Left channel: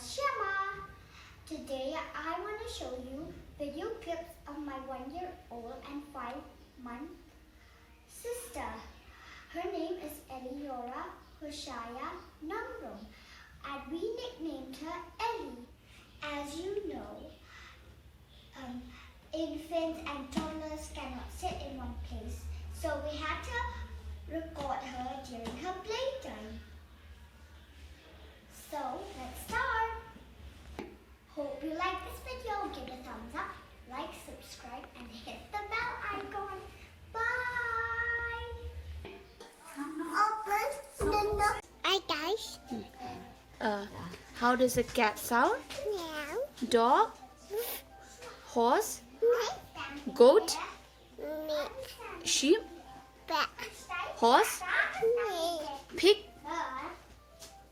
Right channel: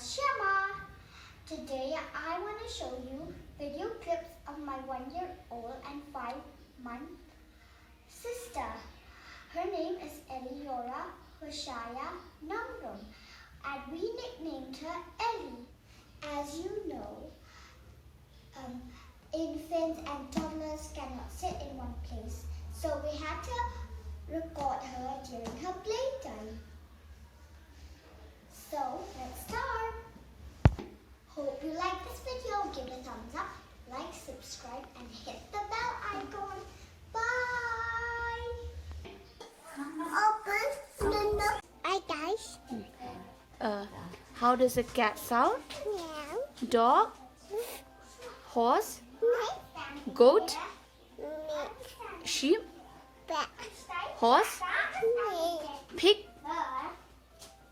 Shema. Today I want to show you video clips of my 1-year-old and 5-month sister. Her name is Elliora Hoshiah Nongrum, and we nicknamed her Ellie. As you know, infants and toddlers cannot sit in one place, so we had to record her during her playtime. So let's start. Hope you like this video. Give it a thumbs up, like, subscribe, and hit the bell icon. Bye. Hi guys. How does a cat sound? Meow. Dog? Horse? Goat? Sheep? Horse? Pig?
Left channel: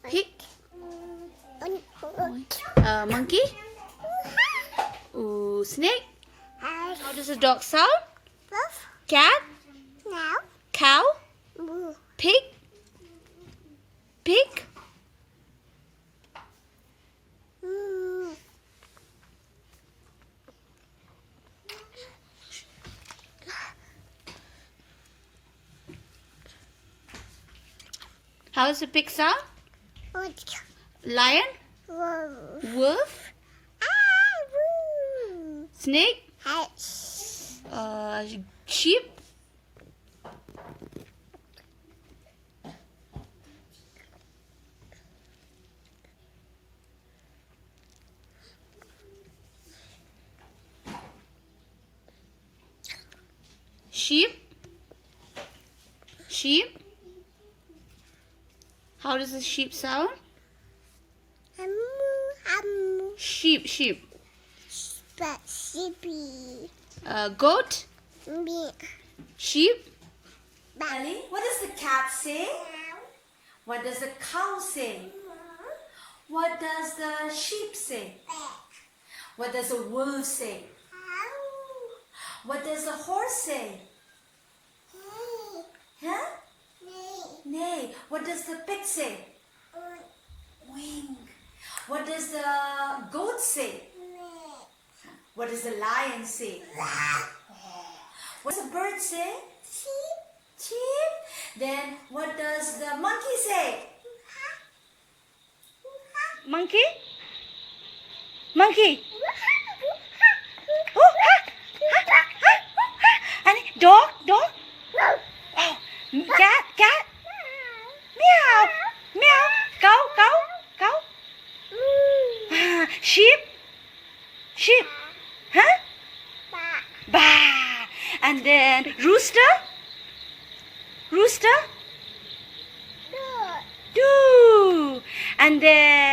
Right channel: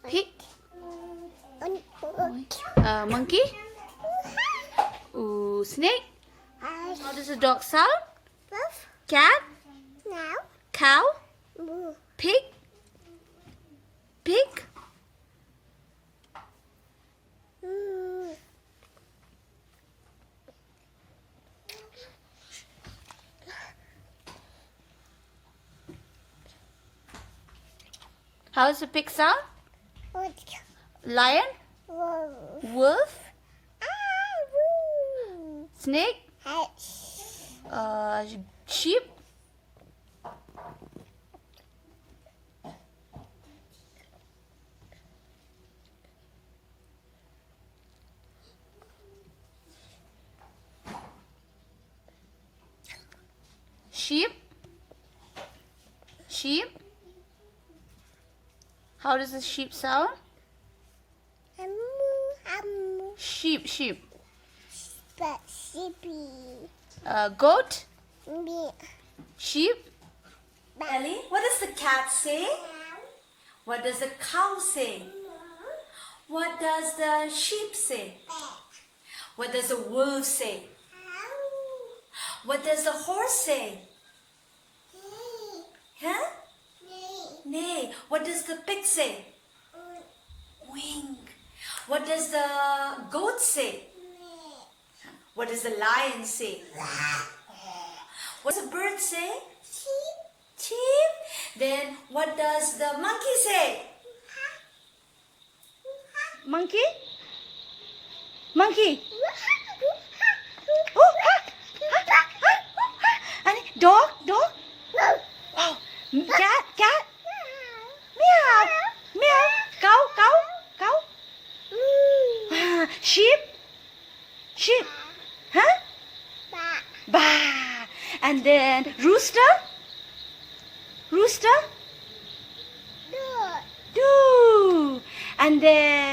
Pig? Monkey? Snake? How does a dog sound? Cat? Cow? Pig? Pig? How does a pig sound? Lion? Wolf? Snake? Sheep? Sheep? Sheep? How does a sheep sound? Sheep, sheep. Sheepy. Goat? Sheep? Ellie, what does the cat say? What does the cow say? What does the sheep say? What does the wolf say? What does the horse say? Huh? Neigh. What does the pig say? Wing. What does the goat say? What does the lion say? What does the bird say? Sheep. Then what does the monkey say? Monkey? Monkey? Oh, and dog? Dog? Oh, cat? Cat? Meow. Meow. Cow? Cow? Cow? Sheep? Sheep? Huh? Bah. And then rooster? Rooster? Do. And then